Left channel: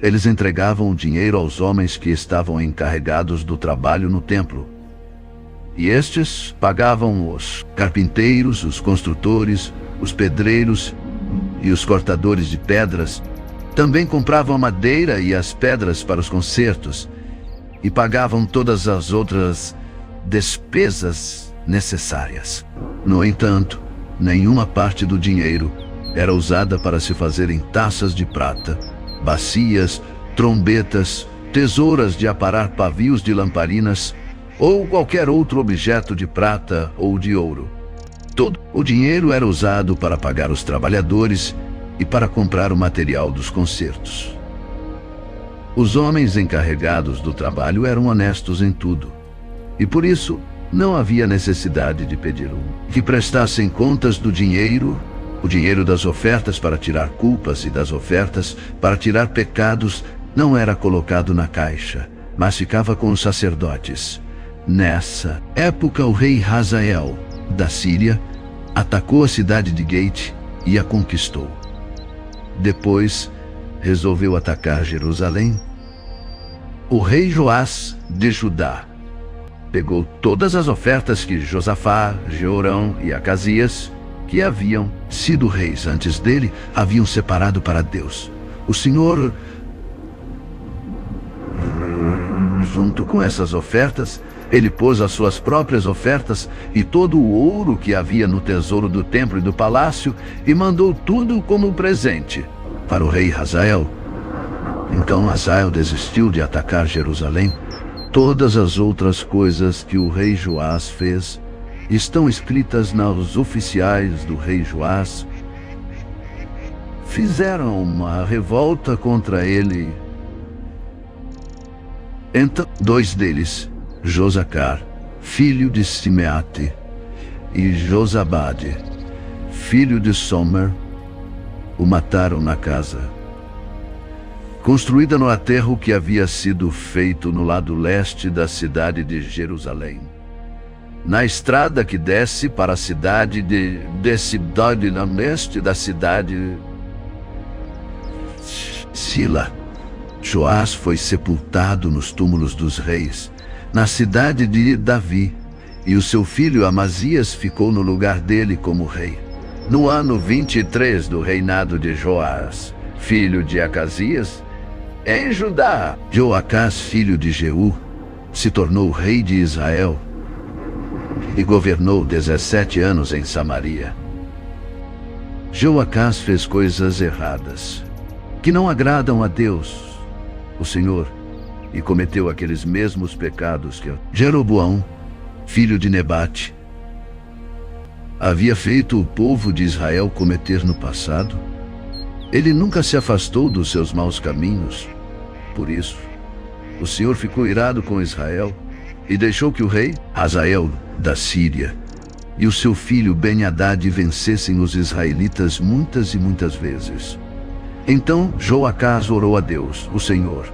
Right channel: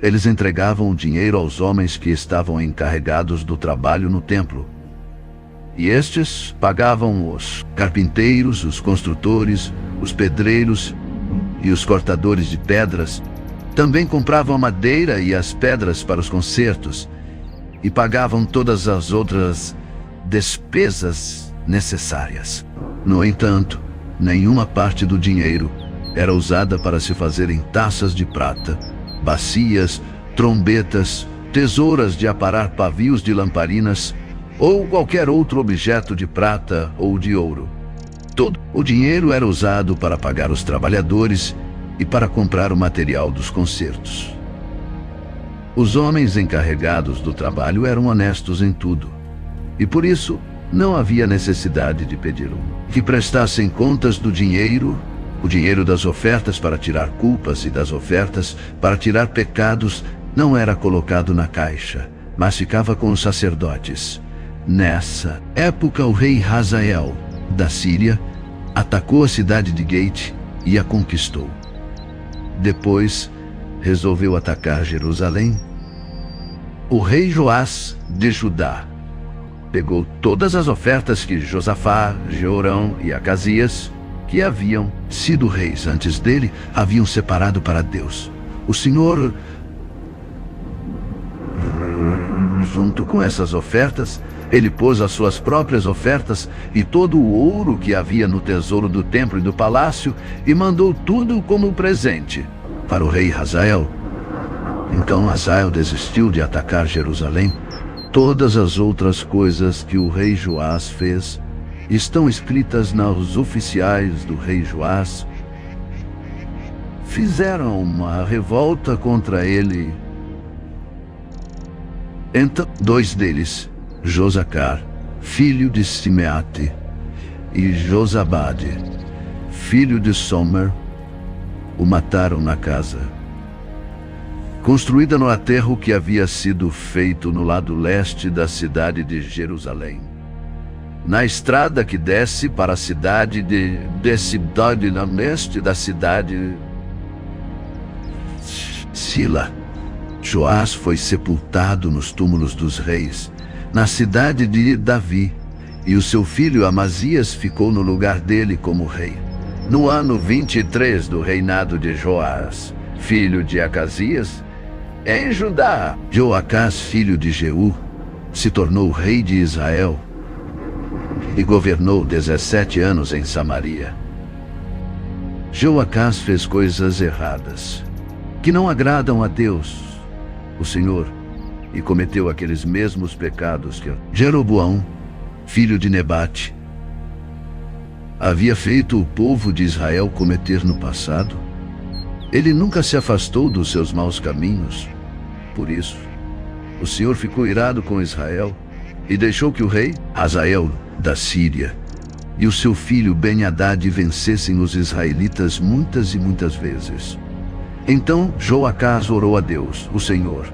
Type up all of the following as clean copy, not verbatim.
Eles entregavam o dinheiro aos homens que estavam encarregados do trabalho no templo. E estes pagavam os carpinteiros, os construtores, os pedreiros e os cortadores de pedras. Também compravam a madeira e as pedras para os concertos e pagavam todas as outras despesas necessárias. No entanto, nenhuma parte do dinheiro era usada para se fazerem taças de prata, bacias, trombetas, tesouras de aparar pavios de lamparinas ou qualquer outro objeto de prata ou de ouro. Todo o dinheiro era usado para pagar os trabalhadores e para comprar o material dos concertos. Os homens encarregados do trabalho eram honestos em tudo, e por isso não havia necessidade de pedir que prestassem contas do dinheiro, o dinheiro das ofertas para tirar culpas e das ofertas para tirar pecados não era colocado na caixa, mas ficava com os sacerdotes. Nessa época, o rei Hazael, da Síria, atacou a cidade de Gate e a conquistou. Depois, resolveu atacar Jerusalém. O rei Joás, de Judá, pegou todas as ofertas que Josafá, Jeorão e Acasias, que haviam sido reis antes dele, haviam separado para Deus. O Senhor, junto com essas ofertas, ele pôs as suas próprias ofertas e todo o ouro que havia no tesouro do templo e do palácio e mandou tudo como presente para o rei Hazael. Então Hazael desistiu de atacar Jerusalém. Todas as outras coisas que o rei Joás fez estão escritas nos oficiais do rei Joás. Fizeram uma revolta contra ele. Então, dois deles, Josacar, filho de Simeate, e Josabade, filho de Somer, o mataram na casa, construída no aterro que havia sido feito no lado leste da cidade de Jerusalém, na estrada que desce para a cidade de cidade no leste da cidade Sila. Joás foi sepultado nos túmulos dos reis, na cidade de Davi, e o seu filho Amazias ficou no lugar dele como rei. No ano 23 do reinado de Joás, filho de Acasias, em Judá, Joacás, filho de Jeú, se tornou rei de Israel e governou 17 anos em Samaria. Joacás fez coisas erradas, que não agradam a Deus, o Senhor, e cometeu aqueles mesmos pecados que Jeroboão, filho de Nebate, havia feito o povo de Israel cometer no passado. Ele nunca se afastou dos seus maus caminhos. Por isso, o Senhor ficou irado com Israel e deixou que o rei Hazael da Síria e o seu filho Ben-Hadad vencessem os israelitas muitas e muitas vezes. Então Joacás orou a Deus, o Senhor,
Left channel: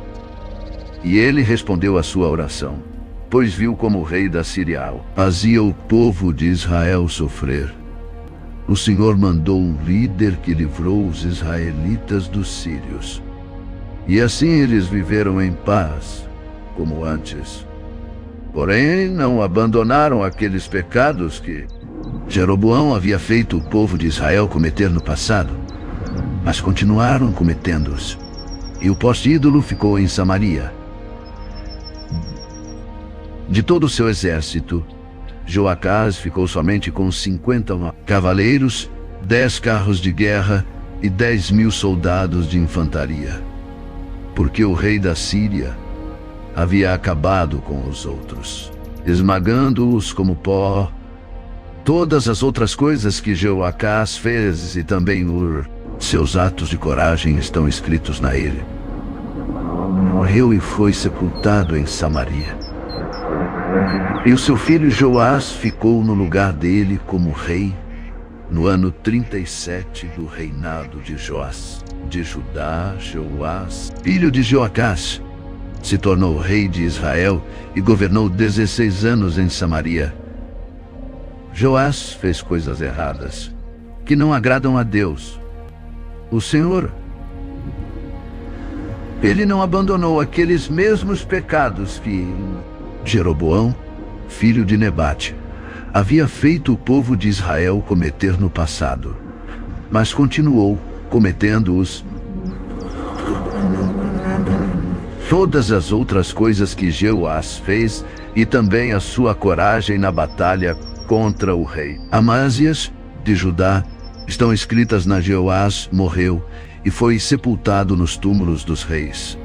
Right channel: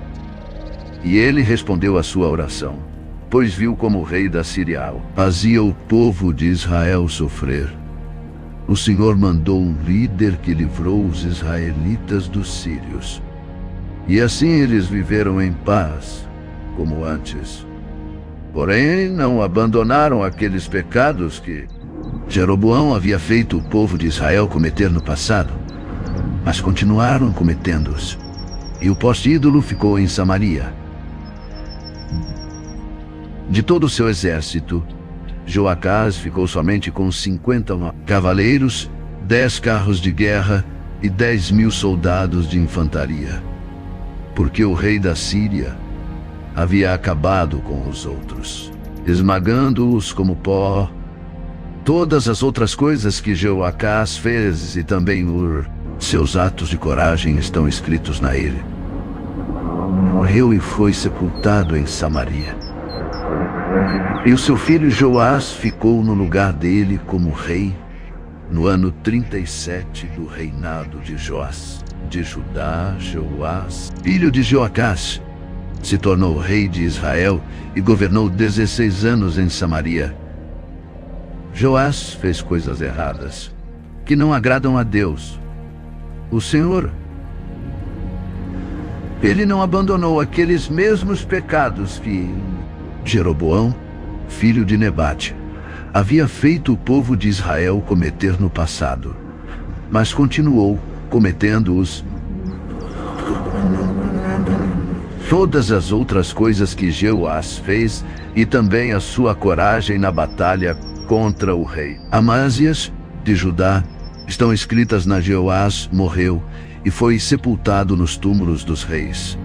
e ele respondeu à sua oração, pois viu como o rei da Síria fazia o povo de Israel sofrer. O Senhor mandou um líder que livrou os israelitas dos sírios. E assim eles viveram em paz, como antes. Porém, não abandonaram aqueles pecados que Jeroboão havia feito o povo de Israel cometer no passado, mas continuaram cometendo-os. E o poste ídolo ficou em Samaria. De todo o seu exército, Joacás ficou somente com 50 cavaleiros, 10 carros de guerra e 10.000 soldados de infantaria, porque o rei da Síria havia acabado com os outros, esmagando-os como pó. Todas as outras coisas que Joacás fez e também seus atos de coragem estão escritos na ilha. Morreu e foi sepultado em Samaria. E o seu filho Joás ficou no lugar dele como rei no ano 37 do reinado de Joás. De Judá, Joás, filho de Joacás, se tornou rei de Israel e governou 16 anos em Samaria. Joás fez coisas erradas, que não agradam a Deus, o Senhor. Ele não abandonou aqueles mesmos pecados que Jeroboão, filho de Nebate, havia feito o povo de Israel cometer no passado, mas continuou cometendo-os. Todas as outras coisas que Jeoás fez e também a sua coragem na batalha contra o rei Amazias de Judá estão escritas na. Jeoás morreu e foi sepultado nos túmulos dos reis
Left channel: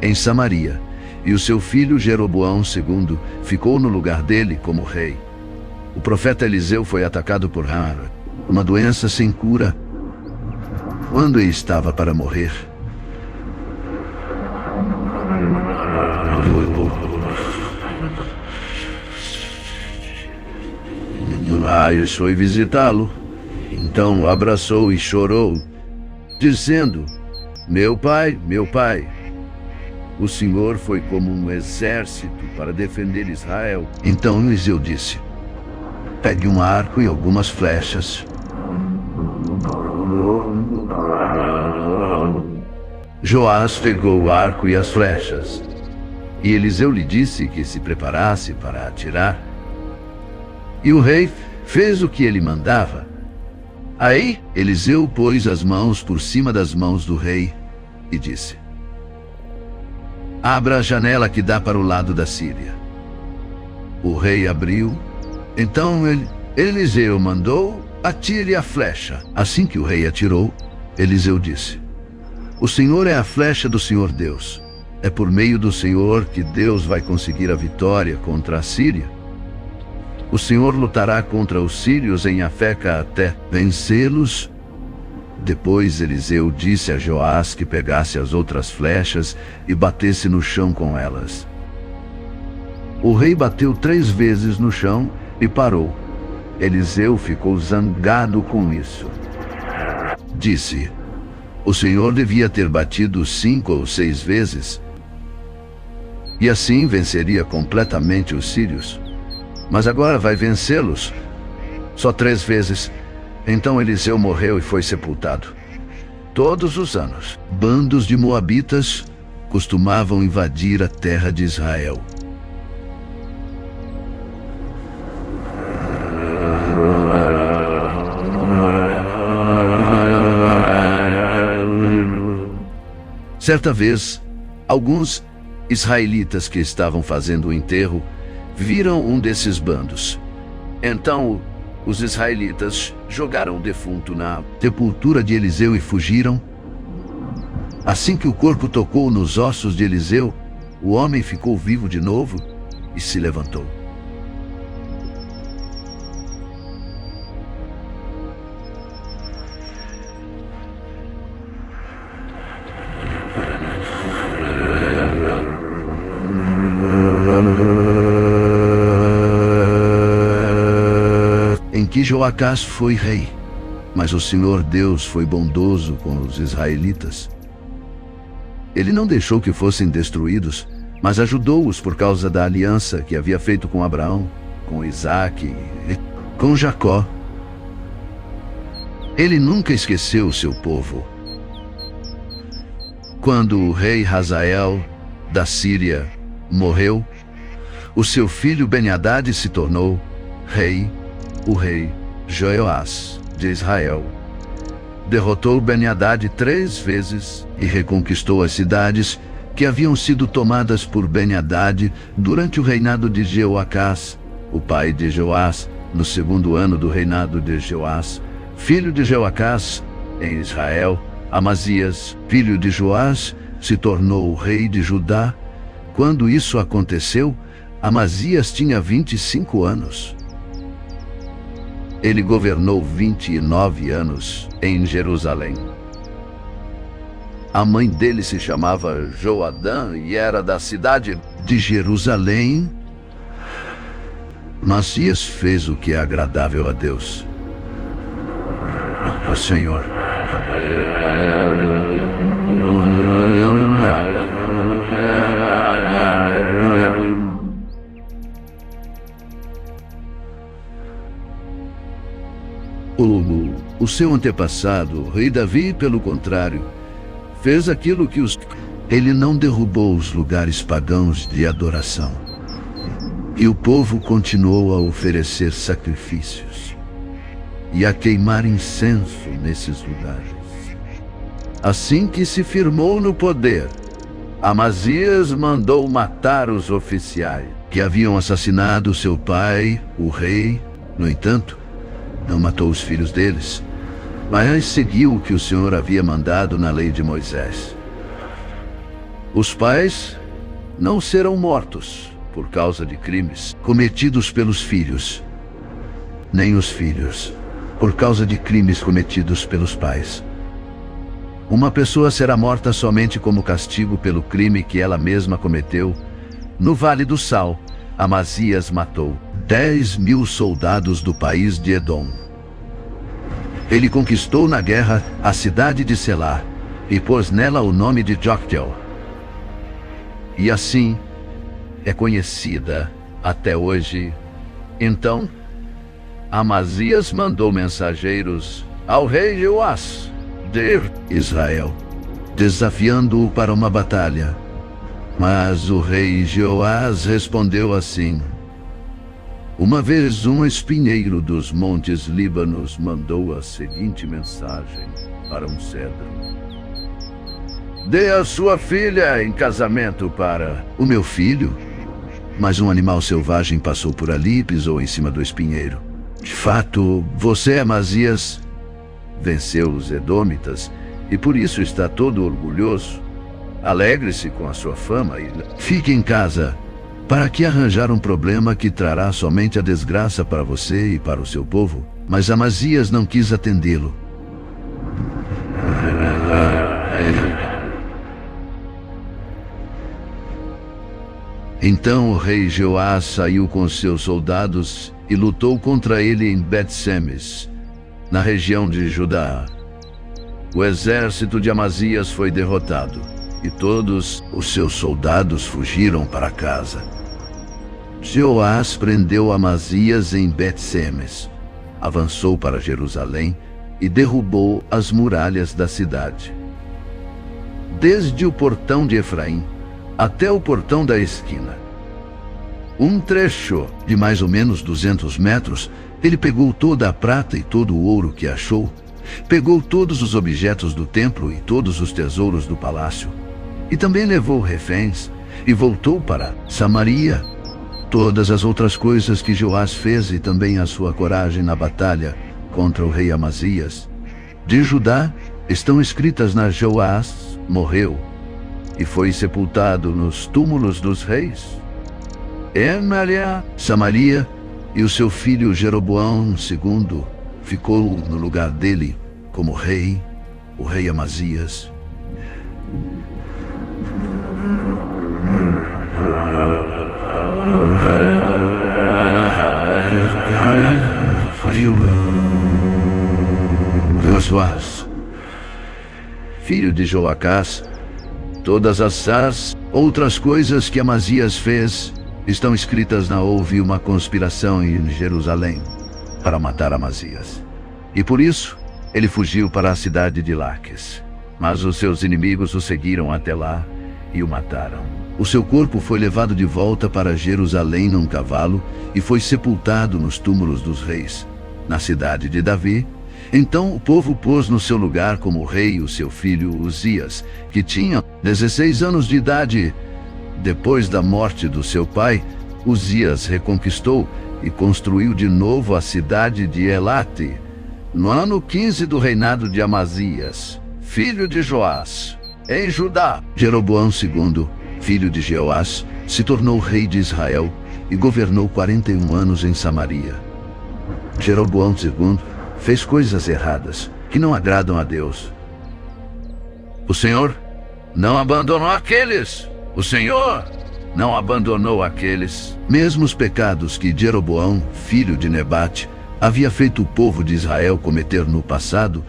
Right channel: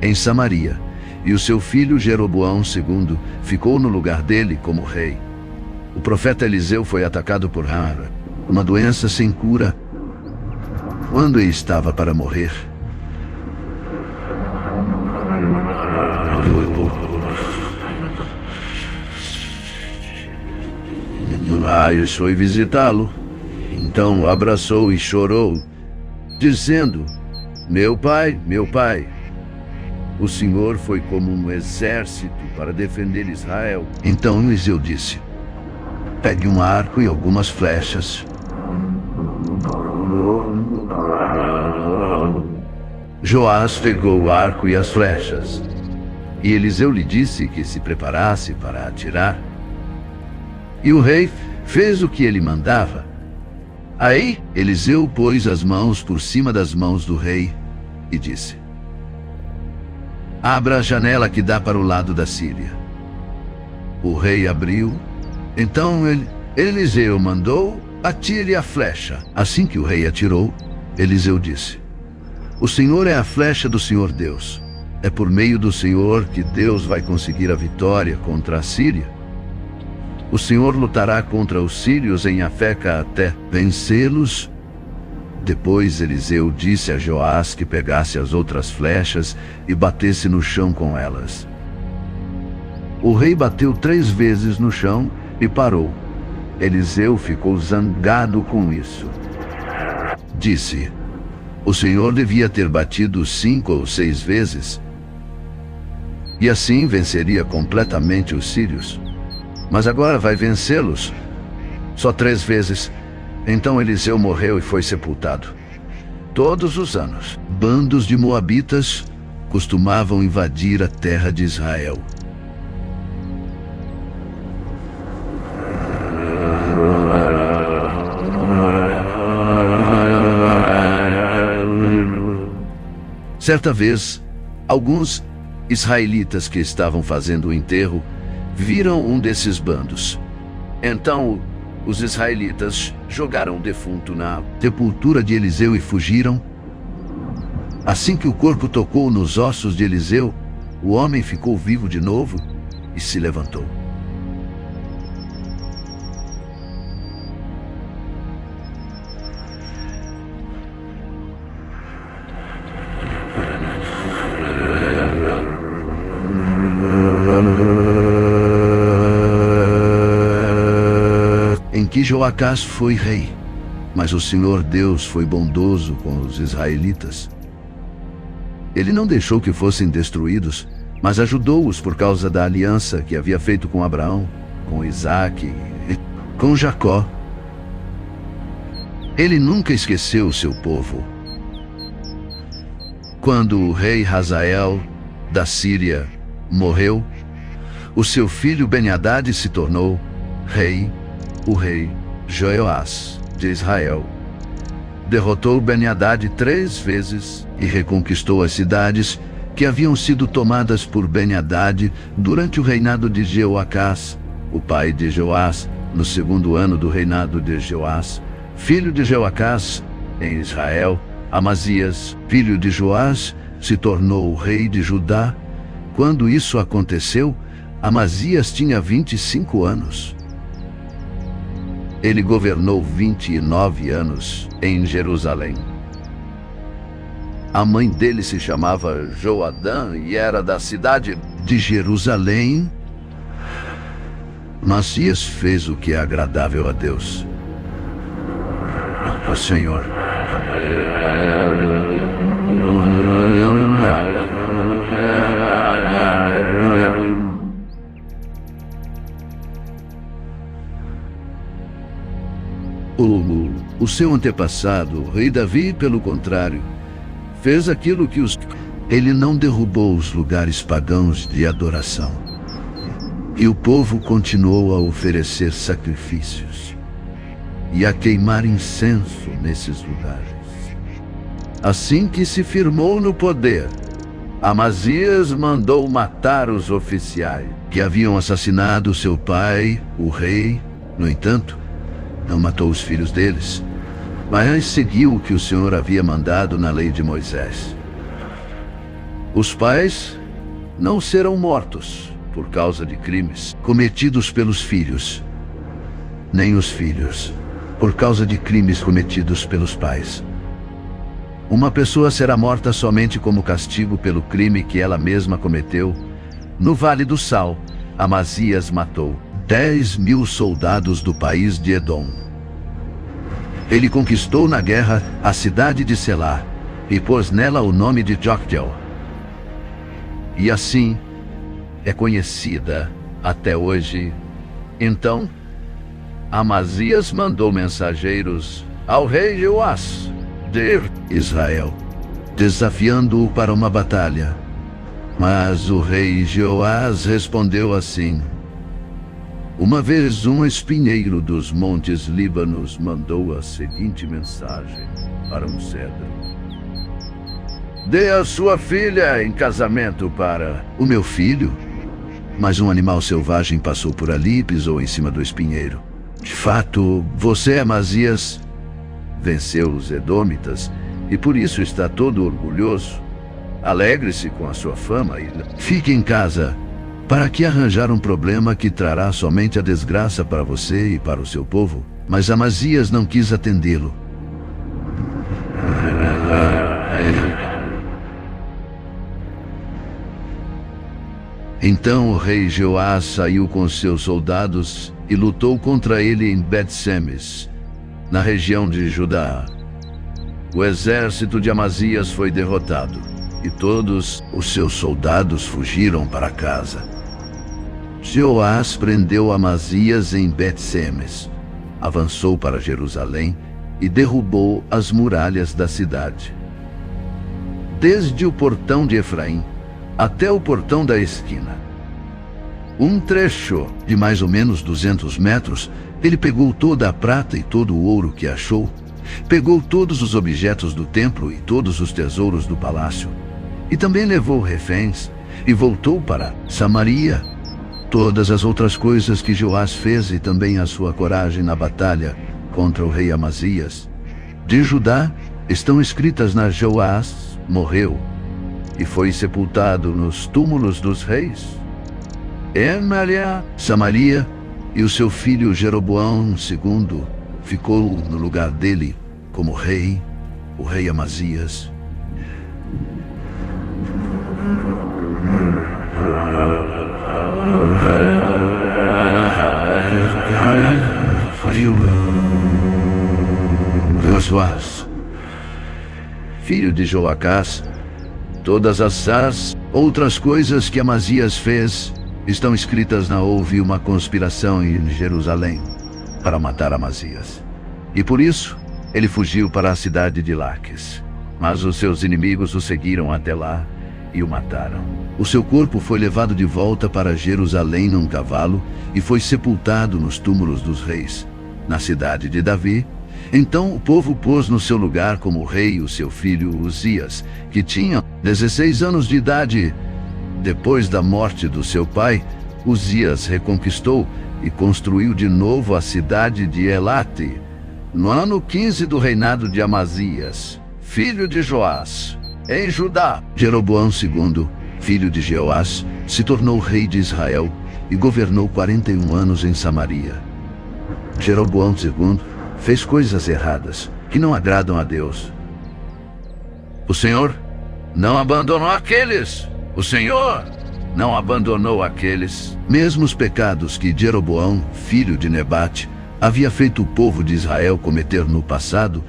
em Samaria, e o seu filho Jeroboão II ficou no lugar dele como rei. O profeta Eliseu foi atacado por uma doença sem cura quando ele estava para morrer. Eu fui visitá-lo. Então o abraçou e chorou, dizendo: meu pai, o Senhor foi como um exército para defender Israel. Então Eliseu disse: pegue um arco e algumas flechas. Joás pegou o arco e as flechas, e Eliseu lhe disse que se preparasse para atirar. E o rei fez o que ele mandava. Aí Eliseu pôs as mãos por cima das mãos do rei e disse: abra a janela que dá para o lado da Síria. O rei abriu. Então Eliseu mandou: atire a flecha. Assim que o rei atirou, Eliseu disse: o Senhor é a flecha do Senhor Deus. É por meio do Senhor que Deus vai conseguir a vitória contra a Síria. O Senhor lutará contra os sírios em Afeca até vencê-los. Depois Eliseu disse a Joás que pegasse as outras flechas e batesse no chão com elas. O rei bateu 3 vezes no chão e parou. Eliseu ficou zangado com isso. Disse: o Senhor devia ter batido 5 ou 6 vezes, e assim venceria completamente os sírios. Mas agora vai vencê-los só 3 vezes. Então Eliseu morreu e foi sepultado. Todos os anos, bandos de moabitas costumavam invadir a terra de Israel. Certa vez, alguns israelitas que estavam fazendo o enterro viram um desses bandos. Então, os israelitas jogaram o defunto na sepultura de Eliseu e fugiram. Assim que o corpo tocou nos ossos de Eliseu, o homem ficou vivo de novo e se levantou. Em que Joacás foi rei, mas o Senhor Deus foi bondoso com os israelitas. Ele não deixou que fossem destruídos, mas ajudou-os por causa da aliança que havia feito com Abraão, com Isaque e com Jacó. Ele nunca esqueceu o seu povo. Quando o rei Hazael da Síria morreu, o seu filho Ben-Hadad se tornou rei. O rei Jeoás de Israel derrotou Ben-Hadad 3 vezes e reconquistou as cidades que haviam sido tomadas por Ben-Hadad durante o reinado de Jeoacás, o pai de Joás, no 2º ano do reinado de Joás, filho de Jeoacás, em Israel. Amazias, filho de Joás, se tornou o rei de Judá. Quando isso aconteceu, Amazias tinha 25 anos. Ele governou 29 anos em Jerusalém. A mãe dele se chamava Joadã e era da cidade de Jerusalém. Amazias fez o que é agradável a Deus. O Senhor. O seu antepassado, o rei Davi, pelo contrário, fez aquilo que os Ele não derrubou os lugares pagãos de adoração. E o povo continuou a oferecer sacrifícios e a queimar incenso nesses lugares. Assim que se firmou no poder, Amazias mandou matar os oficiais que haviam assassinado seu pai, o rei. No entanto, não matou os filhos deles, mas seguiu o que o Senhor havia mandado na lei de Moisés. Os pais não serão mortos por causa de crimes cometidos pelos filhos, nem os filhos por causa de crimes cometidos pelos pais. Uma pessoa será morta somente como castigo pelo crime que ela mesma cometeu. No Vale do Sal, Amazias matou 10.000 soldados do país de Edom. Ele conquistou na guerra a cidade de Selá e pôs nela o nome de Joktheel. E assim é conhecida até hoje. Então, Amazias mandou mensageiros ao rei Joás de Israel, desafiando-o para uma batalha. Mas o rei Joás respondeu assim: uma vez um espinheiro dos montes Líbanos mandou a seguinte mensagem para um cedro: dê a sua filha em casamento para o meu filho. Mas um animal selvagem passou por ali e pisou em cima do espinheiro. De fato, você, Amazias, venceu os Edômitas e por isso está todo orgulhoso. Alegre-se com a sua fama e fique em casa. Para que arranjar um problema que trará somente a desgraça para você e para o seu povo? Mas Amazias não quis atendê-lo. Então o rei Joás saiu com seus soldados e lutou contra ele em Bet-Semes, na região de Judá. O exército de Amazias foi derrotado e todos os seus soldados fugiram para casa. Joás prendeu Amazias em Bet-Semes, avançou para Jerusalém e derrubou as muralhas da cidade. Desde o portão de Efraim até o portão da esquina, um trecho de mais ou menos 200 metros, ele pegou toda a prata e todo o ouro que achou, pegou todos os objetos do templo e todos os tesouros do palácio, e também levou reféns e voltou para Samaria. Todas as outras coisas que Joás fez e também a sua coragem na batalha contra o rei Amazias de Judá estão escritas na Joás morreu e foi sepultado nos túmulos dos reis em Samaria, e o seu filho Jeroboão II ficou no lugar dele como rei, o rei Amazias. Joás, filho de Joacás, todas as outras coisas que Amazias fez estão escritas na Houve uma conspiração em Jerusalém para matar Amazias. E por isso ele fugiu para a cidade de Laques. Mas os seus inimigos o seguiram até lá e o mataram. O seu corpo foi levado de volta para Jerusalém num cavalo e foi sepultado nos túmulos dos reis, na cidade de Davi. Então o povo pôs no seu lugar como rei o seu filho Uzias, que tinha 16 anos de idade. Depois da morte do seu pai, Uzias reconquistou e construiu de novo a cidade de Elate, no ano 15 do reinado de Amazias, filho de Joás, em Judá. Jeroboão II, filho de Jeoás, se tornou rei de Israel e governou 41 anos em Samaria. Jeroboão II fez coisas erradas que não agradam a Deus. O Senhor não abandonou aqueles. O Senhor não abandonou aqueles mesmos pecados que Jeroboão, filho de Nebate, havia feito o povo de Israel cometer no passado.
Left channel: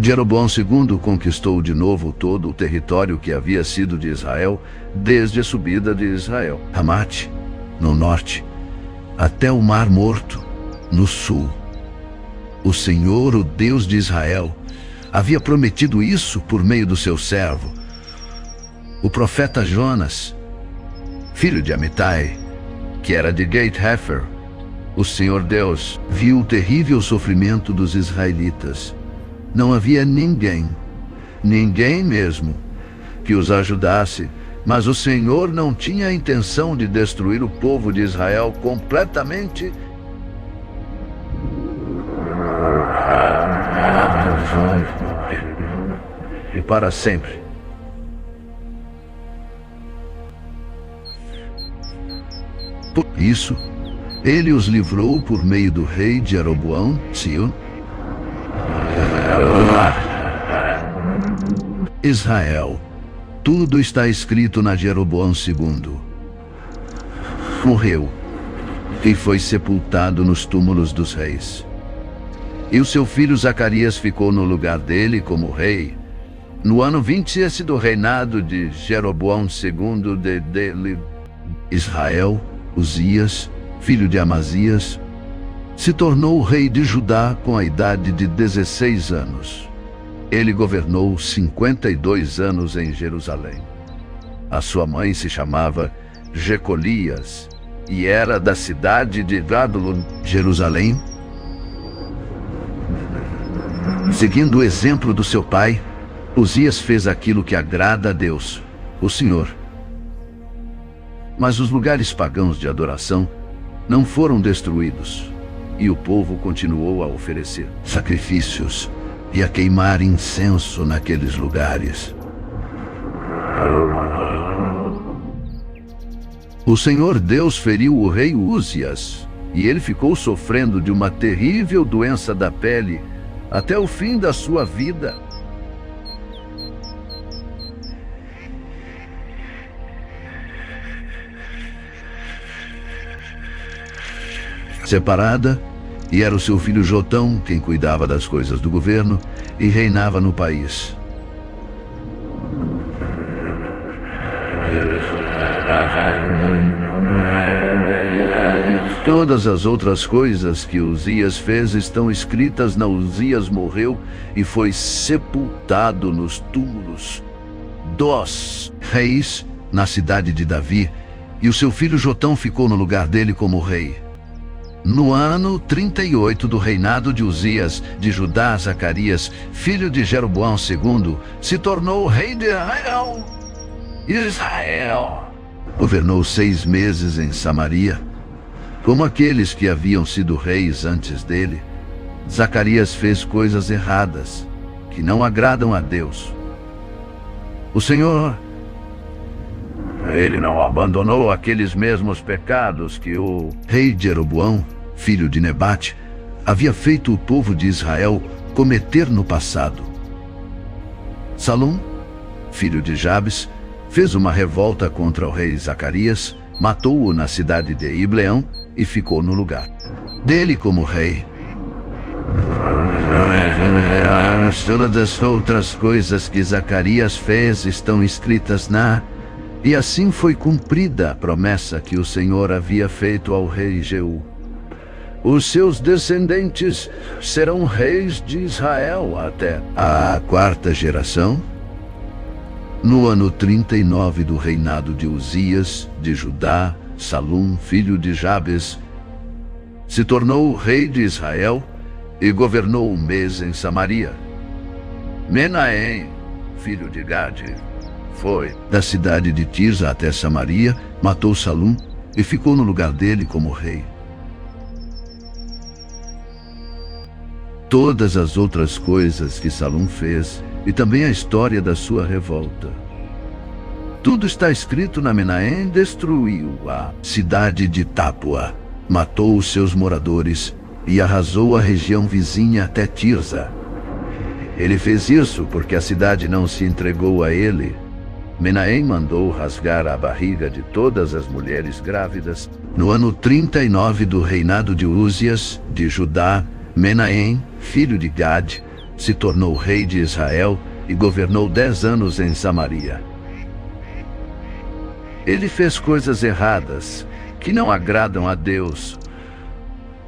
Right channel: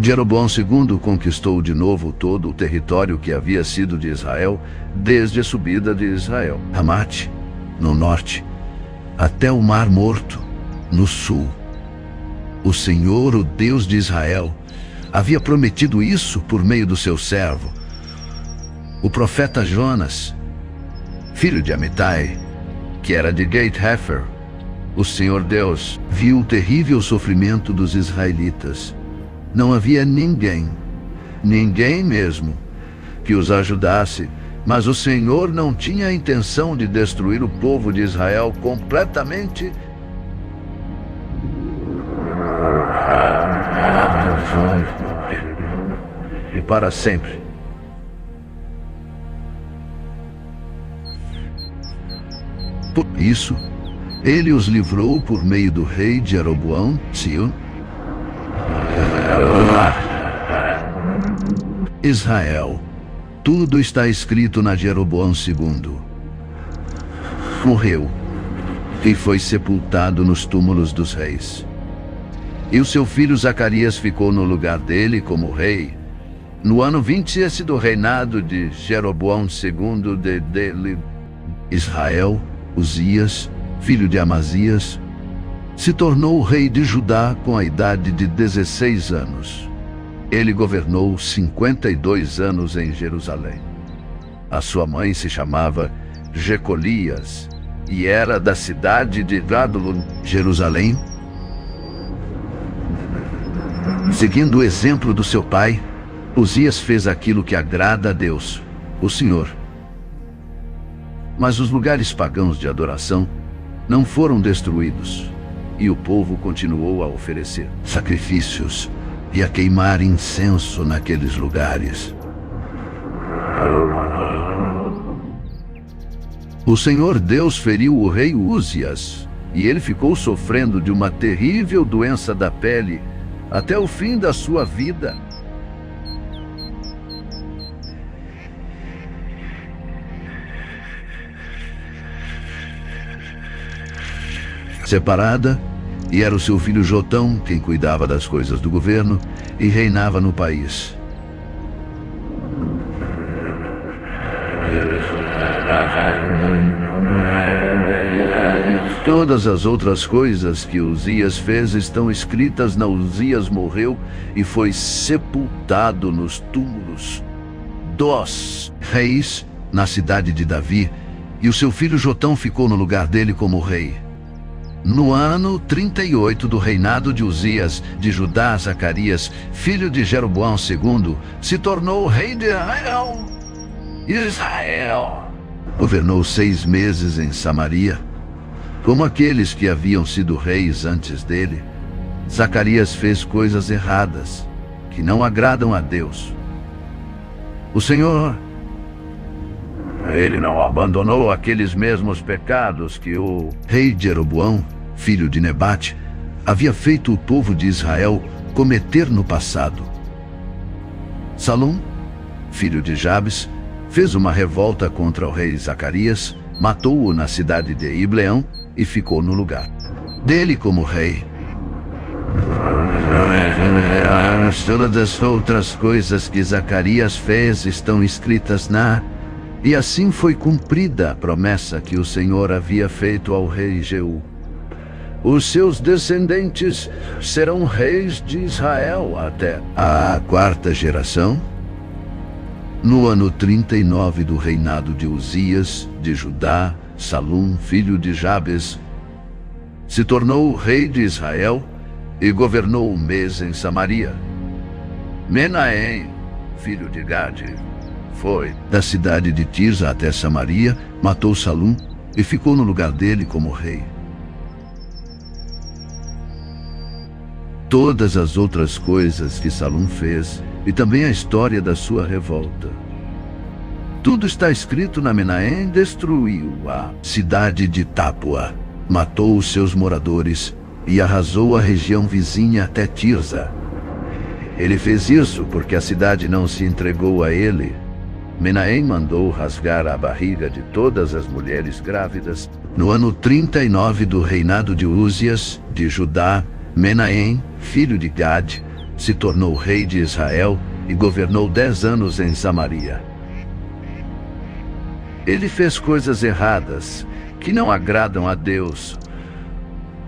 Jeroboão II conquistou de novo todo o território que havia sido de Israel, desde a subida de Israel, Ramate, no norte, até o Mar Morto, no sul. O Senhor, o Deus de Israel, havia prometido isso por meio do seu servo, O profeta Jonas, filho de Amitai, que era de Gate-Hefer, o Senhor Deus viu o terrível sofrimento dos israelitas. Não havia ninguém mesmo, que os ajudasse, mas o Senhor não tinha a intenção de destruir o povo de Israel completamente e para sempre. Por isso, ele os livrou por meio do rei Jeroboão, Sion. Israel, tudo está escrito na Jeroboão II. Morreu e foi sepultado nos túmulos dos reis. E o seu filho Zacarias ficou no lugar dele como rei, no ano 20 do reinado de Jeroboão II de Israel. Uzias, filho de Amazias, se tornou rei de Judá com a idade de 16 anos. Ele governou 52 anos em Jerusalém. A sua mãe se chamava Jecolias e era da cidade de Adullam, Jerusalém. Seguindo o exemplo do seu pai, Uzias fez aquilo que agrada a Deus, o Senhor. Mas os lugares pagãos de adoração não foram destruídos, e o povo continuou a oferecer sacrifícios e a queimar incenso naqueles lugares. O Senhor Deus feriu o rei Uzias, e ele ficou sofrendo de uma terrível doença da pele até o fim da sua vida. Separada, e era o seu filho Jotão quem cuidava das coisas do governo e reinava no país. Todas as outras coisas que Uzias fez estão escritas na Uzias morreu e foi sepultado nos túmulos dos reis na cidade de Davi, e o seu filho Jotão ficou no lugar dele como rei. No ano 38 do reinado de Uzias, de Judá, Zacarias, filho de Jeroboão II, se tornou rei de Israel. Governou 6 meses em Samaria. Como aqueles que haviam sido reis antes dele, Zacarias fez coisas erradas, que não agradam a Deus. O Senhor, ele não abandonou aqueles mesmos pecados que o rei Jeroboão, filho de Nebate, havia feito o povo de Israel cometer no passado. Salum, filho de Jabes, fez uma revolta contra o rei Zacarias, matou-o na cidade de Ibleão e ficou no lugar dele como rei. Todas as outras coisas que Zacarias fez estão escritas na... E assim foi cumprida a promessa que o Senhor havia feito ao rei Jeú. Os seus descendentes serão reis de Israel até a 4ª geração. No ano 39 do reinado de Uzias, de Judá, Salum, filho de Jabes, se tornou rei de Israel e governou 1 mês em Samaria. Menahem, filho de Gade, foi da cidade de Tirza até Samaria, matou Salum e ficou no lugar dele como rei. Todas as outras coisas que Salum fez, e também a história da sua revolta. Tudo está escrito na... Menahem destruiu a cidade de Tápua, matou os seus moradores e arrasou a região vizinha até Tirza. Ele fez isso porque a cidade não se entregou a ele. Menahem mandou rasgar a barriga de todas as mulheres grávidas. No ano 39 do reinado de Uzias, de Judá, Menahem, filho de Gade, se tornou rei de Israel e governou 10 anos em Samaria. Ele fez coisas erradas que não agradam a Deus.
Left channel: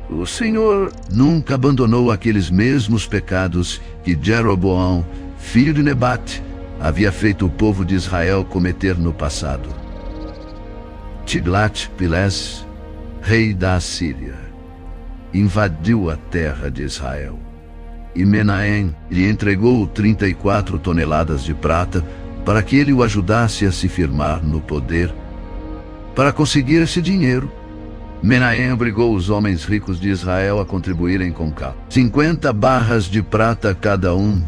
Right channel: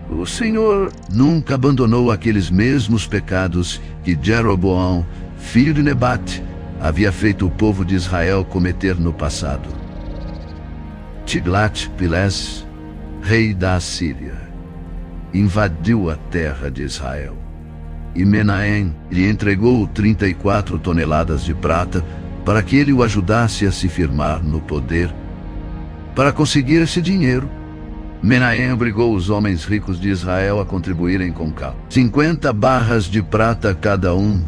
O Senhor nunca abandonou aqueles mesmos pecados que Jeroboão, filho de Nebate, havia feito o povo de Israel cometer no passado. Tiglat-Pileser, rei da Assíria, invadiu a terra de Israel. E Menahem lhe entregou 34 toneladas de prata para que ele o ajudasse a se firmar no poder. Para conseguir esse dinheiro, Menahem obrigou os homens ricos de Israel a contribuírem com 50 barras de prata cada um,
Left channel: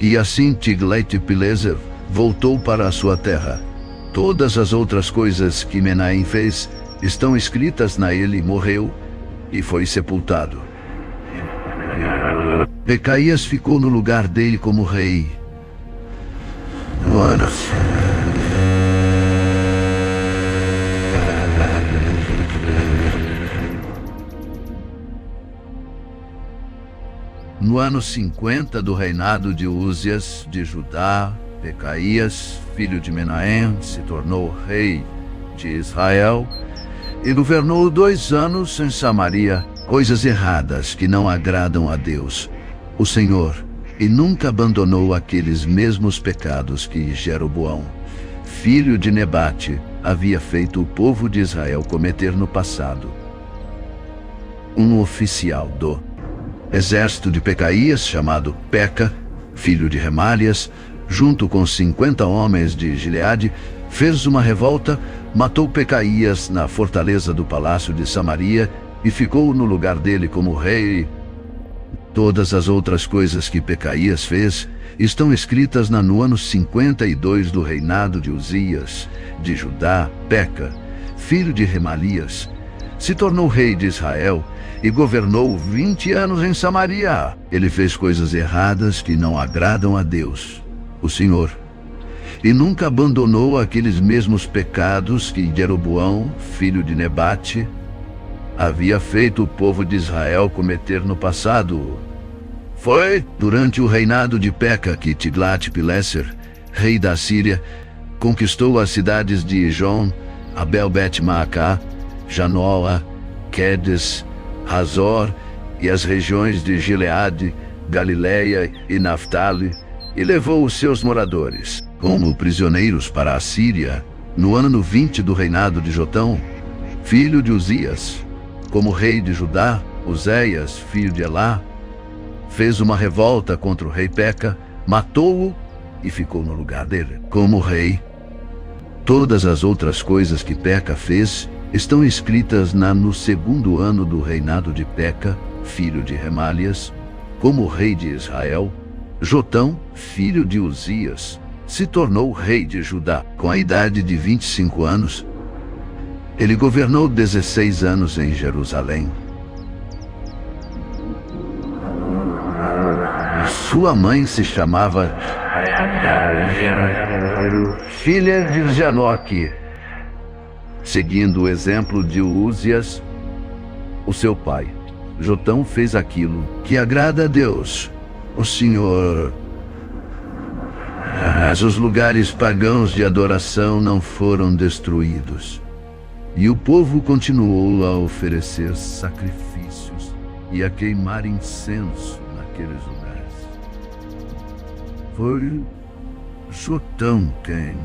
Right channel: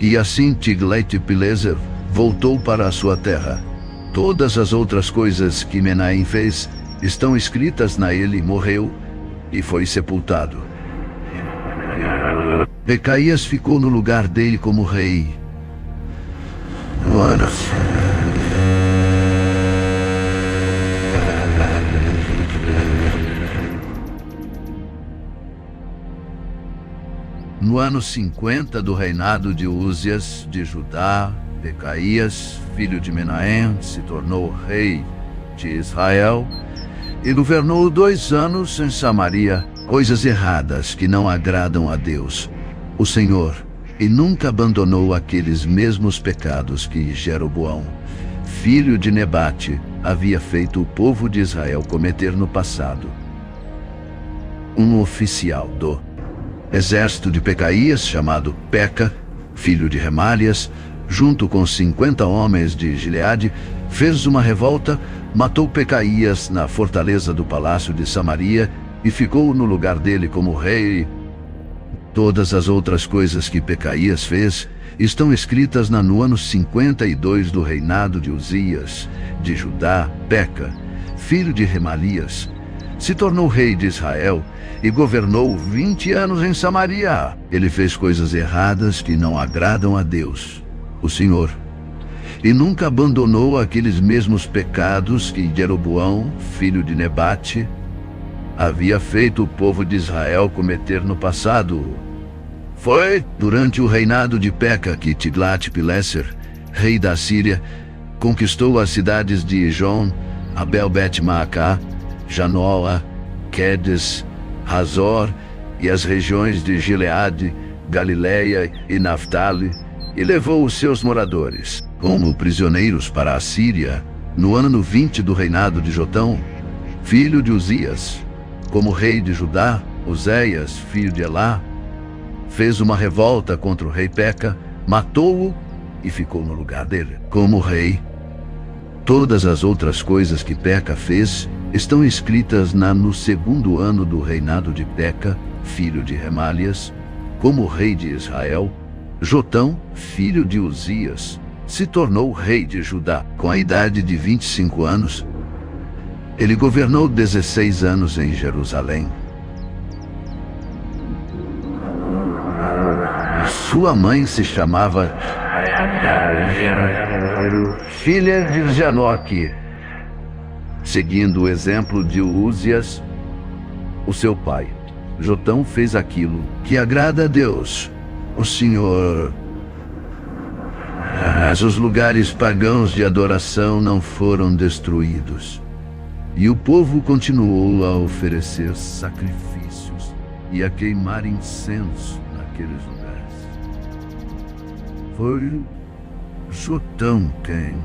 e assim Tiglat-Pileser voltou para a sua terra. Todas as outras coisas que Menahem fez estão escritas na ele, morreu e foi sepultado. Pecaías ficou no lugar dele como rei. No ano 50 do reinado de Uzias de Judá, Pecaías, filho de Menahem, se tornou rei de Israel e governou 2 anos em Samaria, coisas erradas que não agradam a Deus, o Senhor, e nunca abandonou aqueles mesmos pecados que Jeroboão, filho de Nebate, havia feito o povo de Israel cometer no passado. Um oficial do exército de Pecaías, chamado Peca, filho de Remalias, junto com 50 homens de Gileade, fez uma revolta, matou Pecaías na fortaleza do palácio de Samaria e ficou no lugar dele como rei. Todas as outras coisas que Pecaías fez estão escritas no ano 52 do reinado de Uzias, de Judá. Peca, filho de Remalias, se tornou rei de Israel e governou 20 anos em Samaria. Ele fez coisas erradas que não agradam a Deus, o Senhor, e nunca abandonou aqueles mesmos pecados que Jeroboão, filho de Nebate, havia feito o povo de Israel cometer no passado. Foi durante o reinado de Peca que Tiglat-Pileser, rei da Síria, conquistou as cidades de Ijon, Abel-Bet-Maacá, Janoa, Quedes, Hazor e as regiões de Gileade, Galileia e Naftali, e levou os seus moradores como prisioneiros para a Síria no ano 20 do reinado de Jotão, filho de Uzias. Como rei de Judá, Uzéias, filho de Elá, fez uma revolta contra o rei Peca, matou-o e ficou no lugar dele como rei. Todas as outras coisas que Peca fez estão escritas no 2º ano do reinado de Peca, filho de Remalias, como rei de Israel. Jotão, filho de Uzias, se tornou rei de Judá com a idade de 25 anos. Ele governou 16 anos em Jerusalém. Sua mãe se chamava filha de Janoque, seguindo o exemplo de Uzias, o seu pai. Jotão fez aquilo que agrada a Deus, o Senhor. Mas os lugares pagãos de adoração não foram destruídos. E o povo continuou a oferecer sacrifícios e a queimar incenso naqueles lugares. Foi Jotão quem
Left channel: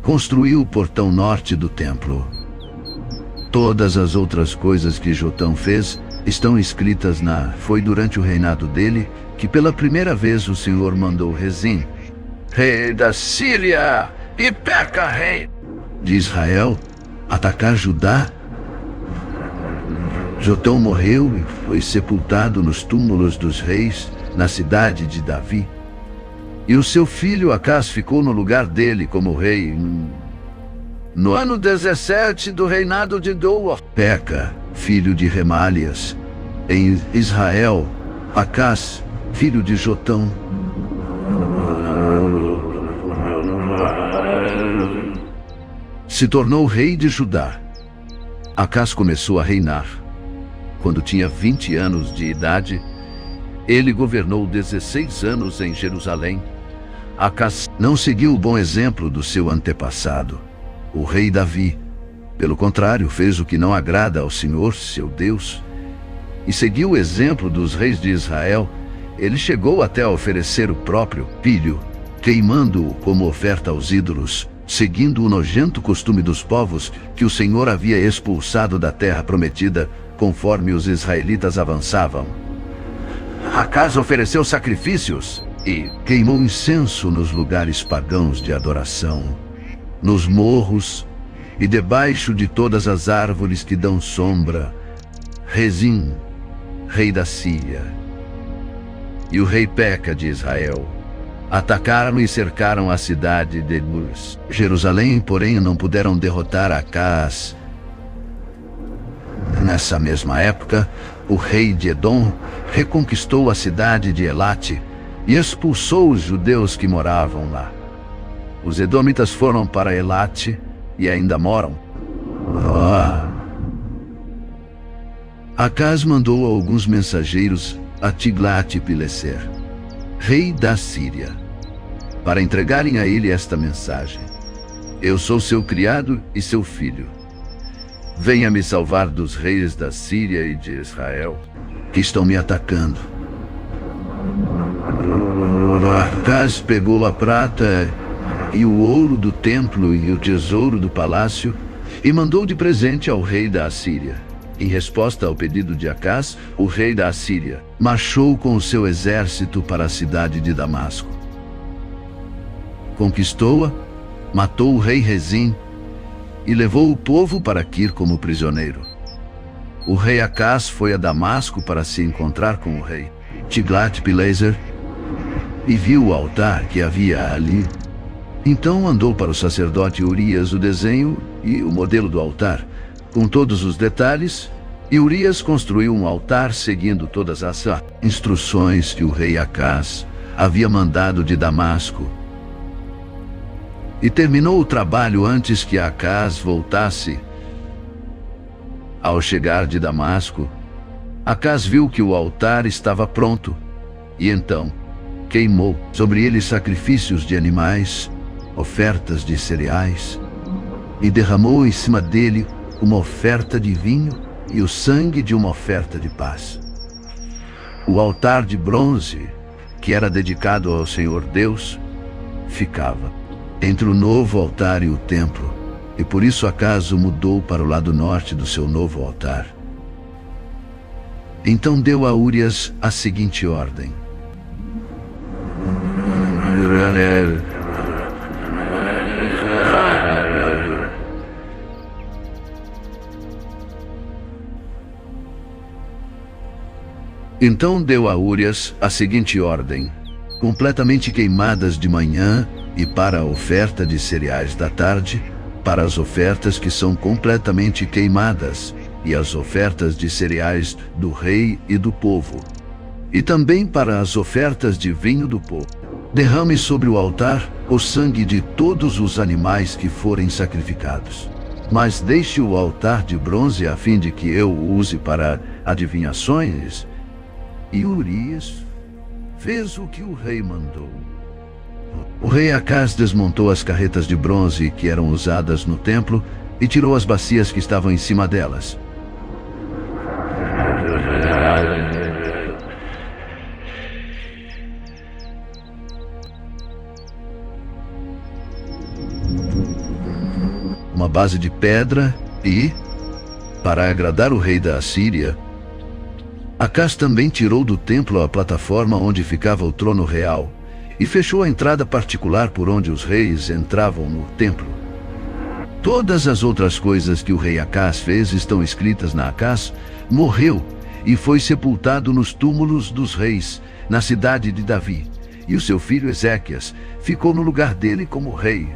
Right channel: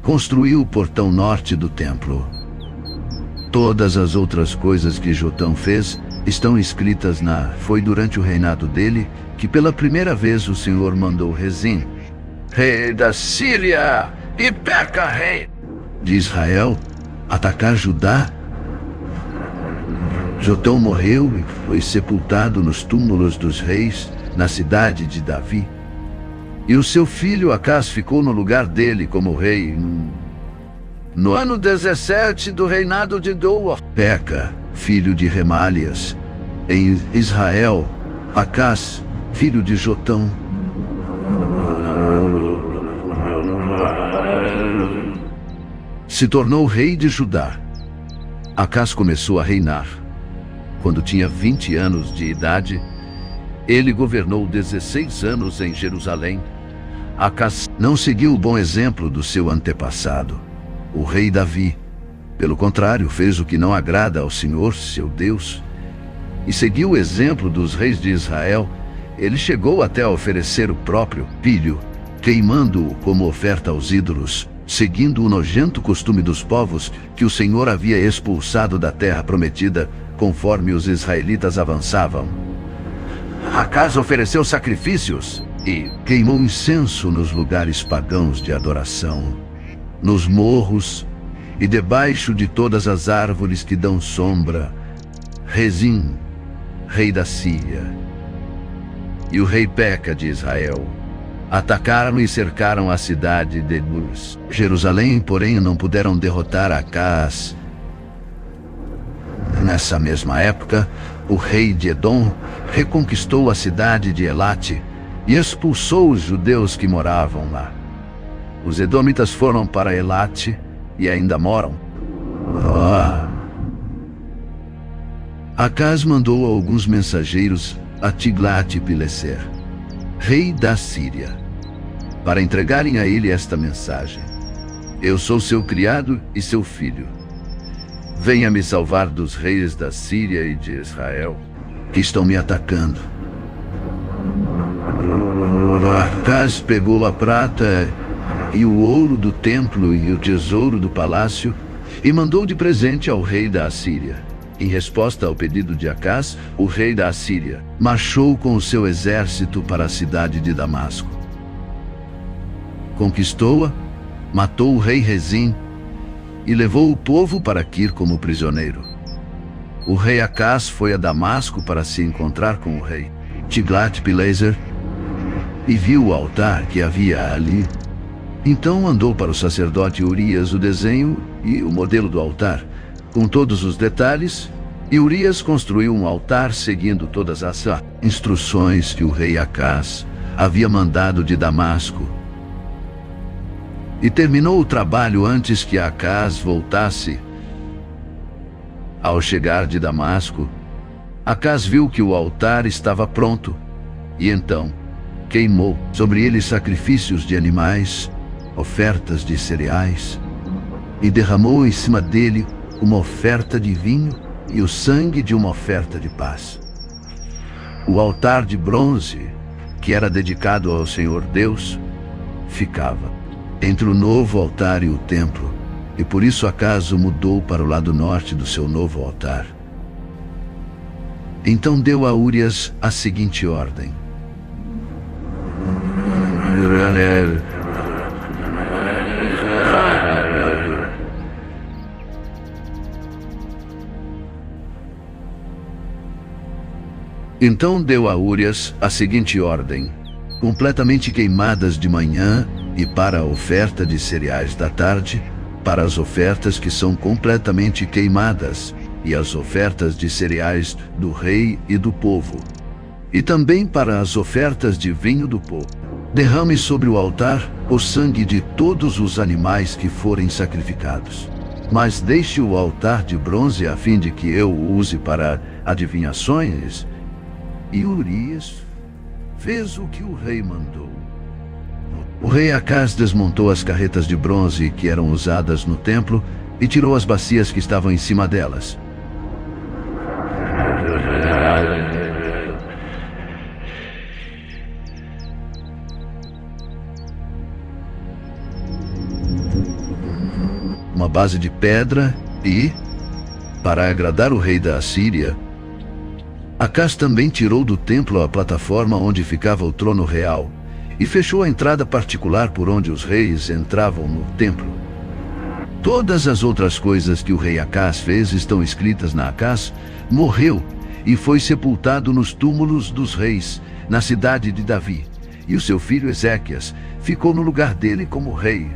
construiu o portão norte do templo. Todas as outras coisas que Jotão fez estão escritas Foi durante o reinado dele que pela primeira vez o Senhor mandou Rezim, rei da Síria, e Peca, rei de Israel, atacar Judá. Jotão morreu e foi sepultado nos túmulos dos reis, na cidade de Davi. E o seu filho Acás ficou no lugar dele como rei no ano 17 do reinado de Doa. Peca, filho de Remalias, em Israel. Acás, filho de Jotão. Se tornou rei de Judá. Acás começou a reinar. Quando tinha 20 anos de idade, ele governou 16 anos em Jerusalém. Acás não seguiu o bom exemplo do seu antepassado, o rei Davi. Pelo contrário, fez o que não agrada ao Senhor, seu Deus, e seguiu o exemplo dos reis de Israel. Ele chegou até a oferecer o próprio filho, queimando-o como oferta aos ídolos, seguindo o nojento costume dos povos que o Senhor havia expulsado da terra prometida, conforme os israelitas avançavam. Acas ofereceu sacrifícios e queimou incenso nos lugares pagãos de adoração, nos morros e debaixo de todas as árvores que dão sombra. Rezim, rei da Síria, e o rei Peca de Israel atacaram e cercaram a cidade de Jerusalém, porém não puderam derrotar Acaz. Nessa mesma época, o rei de Edom reconquistou a cidade de Elate e expulsou os judeus que moravam lá. Os edomitas foram para Elate e ainda moram. Acaz mandou alguns mensageiros a Tiglat-Pileser, rei da Síria, para entregarem a ele esta mensagem: Eu sou seu criado e seu filho. Venha me salvar dos reis da Síria e de Israel, que estão me atacando. Acaz pegou a prata e o ouro do templo e o tesouro do palácio e mandou de presente ao rei da Assíria. Em resposta ao pedido de Acaz, o rei da Assíria marchou com o seu exército para a cidade de Damasco. Conquistou-a, matou o rei Rezim e levou o povo para Quir como prisioneiro. O rei Acaz foi a Damasco para se encontrar com o rei Tiglat-Pileser e viu o altar que havia ali. Então andou para o sacerdote Urias o desenho e o modelo do altar, com todos os detalhes, e Urias construiu um altar seguindo todas as instruções que o rei Acaz havia mandado de Damasco. E terminou o trabalho antes que Acaz voltasse. Ao chegar de Damasco, Acaz viu que o altar estava pronto, e então queimou sobre ele sacrifícios de animais, ofertas de cereais, e derramou em cima dele uma oferta de vinho e o sangue de uma oferta de paz. O altar de bronze, que era dedicado ao Senhor Deus, ficava entre o novo altar e o templo, e por isso Acaz o mudou para o lado norte do seu novo altar. Então deu a Urias a seguinte ordem: completamente queimadas de manhã e para a oferta de cereais da tarde, para as ofertas que são completamente queimadas e as ofertas de cereais do rei e do povo, e também para as ofertas de vinho do povo. Derrame sobre o altar o sangue de todos os animais que forem sacrificados. Mas deixe o altar de bronze a fim de que eu o use para adivinhações. E Urias fez o que o rei mandou. O rei Acaz desmontou as carretas de bronze que eram usadas no templo e tirou as bacias que estavam em cima delas. Uma base de pedra e, para agradar o rei da Assíria, Acaz também tirou do templo a plataforma onde ficava o trono real e fechou a entrada particular por onde os reis entravam no templo. Todas as outras coisas que o rei Acaz fez estão escritas na Acaz. Morreu e foi sepultado nos túmulos dos reis, na cidade de Davi, e o seu filho Ezequias ficou no lugar dele como rei.